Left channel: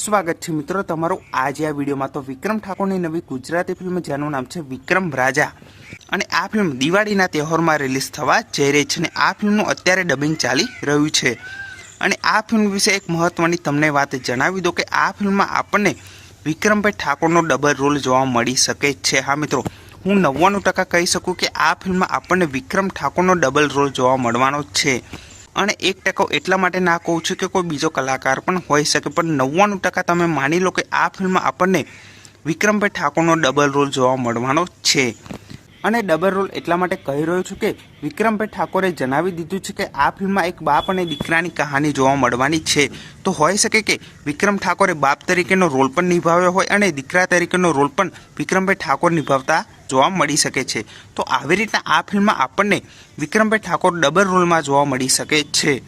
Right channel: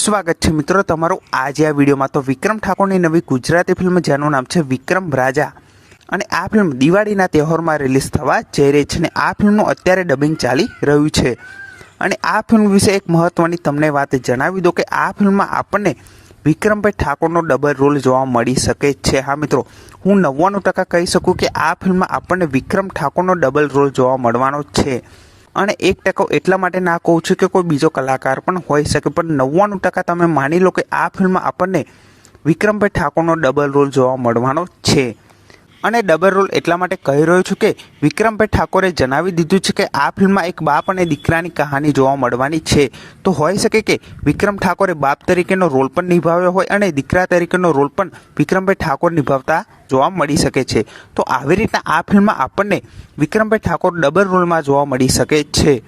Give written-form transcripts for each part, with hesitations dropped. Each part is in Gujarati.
સ્વાગત છે મિત્રો તમારું આજે આ વિડીયોમાં। તો વિક્રમ ઠાકોરની નવી ગુજરાતી ફિલ્મ જેનું નામ છે વિક્રમ રાજા અને આ ફિલ્મ દિવાળીના તહેવારમાં રિલીઝ થવા જઈ રહી છે અને આ ફિલ્મનું અત્યારે ડબિંગ ચાલી રહ્યું છે। અને આ ફિલ્મ વિશે એક મહત્વની તમને વાત જણાવી દો કે આ ફિલ્મમાં આપણને વિક્રમભાઈ ઠાકોરનો ડબલ રોલ જોવા મળી શકે છે। હા મિત્રો, હું 99% કહી શકું કે આ ફિલ્મમાં આપણને વિક્રમ ઠાકોરનો ડબલ રોલ જોવા મળવાનો છે। અને 1% એટલા માટે ના કહું છું કે કોઈ બીજો કલાકાર પણ હોઈ શકે, પણ 99% તમે માની લો કે આ ફિલ્મમાં આપણને વિક્રમભાઈ ઠાકોરનો ડબલ રોલ જોવા મળવાનો છે। અને ડબલ રોલ એટલા માટે કહી રહ્યો છું કે વિક્રમભાઈ ઠાકોરે જણાવી દીધું છે કે આ ફિલ્મમાં એક બાપ અને દીકરાની કહાની જોવા મળવાની છે। તો હોઈ શકે કે વિક્રમ ઠાકોરે બાપ તરીકેનો રોલ પણ નિભાવ્યો હોય અને દીકરા તરીકેનો રોલ પણ વિક્રમભાઈ ઠાકોર નિભાવતા જોવા મળી શકે છે। તો આવી રીતના આ ફિલ્મમાં આપણને વિક્રમભાઈ ઠાકોર ડબલ રોલમાં જોવા મળી શકે છે।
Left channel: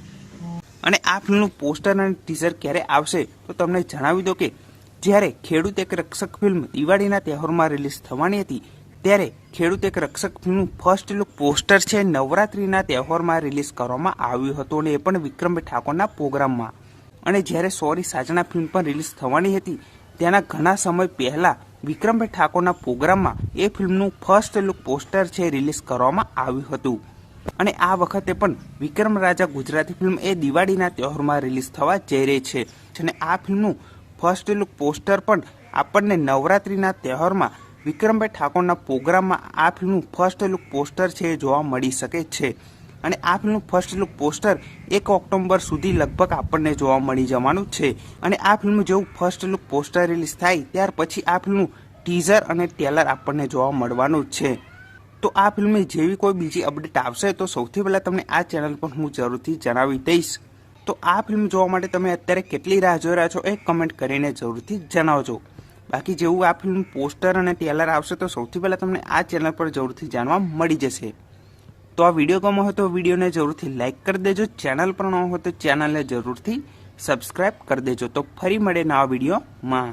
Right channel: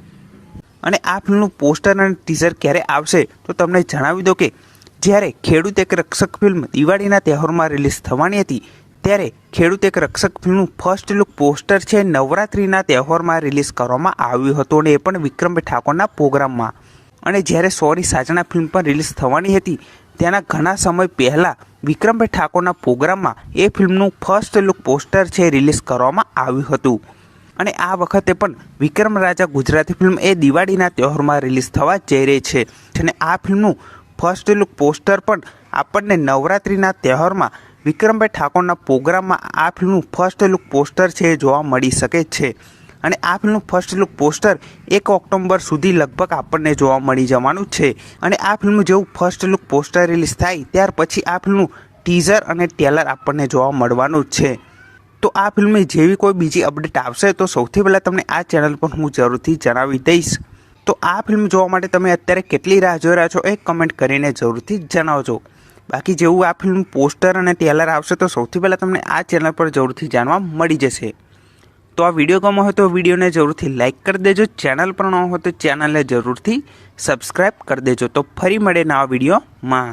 અને આ ફિલ્મનું પોસ્ટર અને ટીઝર ક્યારે આવશે તો તમને જણાવી દો કે જ્યારે ખેડૂત એક રક્ષક ફિલ્મ દિવાળીના તહેવારમાં રિલીઝ થવાની હતી ત્યારે ખેડૂત એક રક્ષક ફિલ્મનું ફર્સ્ટ લુક પોસ્ટર છે નવરાત્રિના તહેવારમાં રિલીઝ કરવામાં આવ્યું હતું અને એ પણ વિક્રમભાઈ ઠાકોરના પ્રોગ્રામમાં। અને જ્યારે સોરી સાજણા ફિલ્મ પણ રિલીઝ થવાની હતી તેના ઘણા સમય પહેલાં વિક્રમભાઈ ઠાકોરના પ્રોગ્રામમાં એ ફિલ્મનું ફર્સ્ટ લુક પોસ્ટર છે રિલીઝ કરવામાં આવ્યું હતું। અને આ વખતે પણ વિક્રમ રાજા ગુજરાતી ફિલ્મ એ દિવાળીના તહેવારમાં રિલીઝ થવા જઈ રહી છે અને આ ફિલ્મનું ફર્સ્ટ લુક પોસ્ટર પણ આપણને નવરાત્રિના તહેવારમાં વિક્રમભાઈ ઠાકોરના પ્રોગ્રામમાં આ ફિલ્મનું ફર્સ્ટ લુક પોસ્ટર છે જોવા મળી શકે છે। અને આ ફિલ્મનું ફર્સ્ટ લુક પોસ્ટર 1 ઓક્ટોબર સુધી લગભગ આપણને જોવા મળી જવાનું છે। અને આ ફિલ્મનું જેવું ફર્સ્ટ લુક પોસ્ટર રિલીઝ થાય ત્યાર પછી આ ફિલ્મનું ટીઝર અને ટ્રેલર આપણને જોવા મળવાનું છે। તો આ ફિલ્મની જેવી કોઈ બીજી અપડેટ આવશે તો સૌથી પહેલાં તમને આ ચેનલ પર હું જરૂરથી જણાવી દઈશ। તો આ ફિલ્મ જોવા માટે તમે અત્યારે કેટલી રાહ જોઈ રહ્યા છો એ કમેન્ટ કરીને જરૂરથી જણાવજો। બાકી જેવું આ ફિલ્મ પોસ્ટર અને ટ્રેલર આવશે તો સૌથી પહેલાં તમને આ ચેનલ પર જરૂરથી જાણવા મળી જશે। તો આ વિડીયો ગમ્યો હોય તો વિડીયોને જરૂરથી લાઇક કરી દેજો, ચેનલ પર ન હોય તો ચેનલને જરૂરથી સબસ્ક્રાઈબ કરી દેજો। તો ફરી મળે નવા વિડીયોમાં।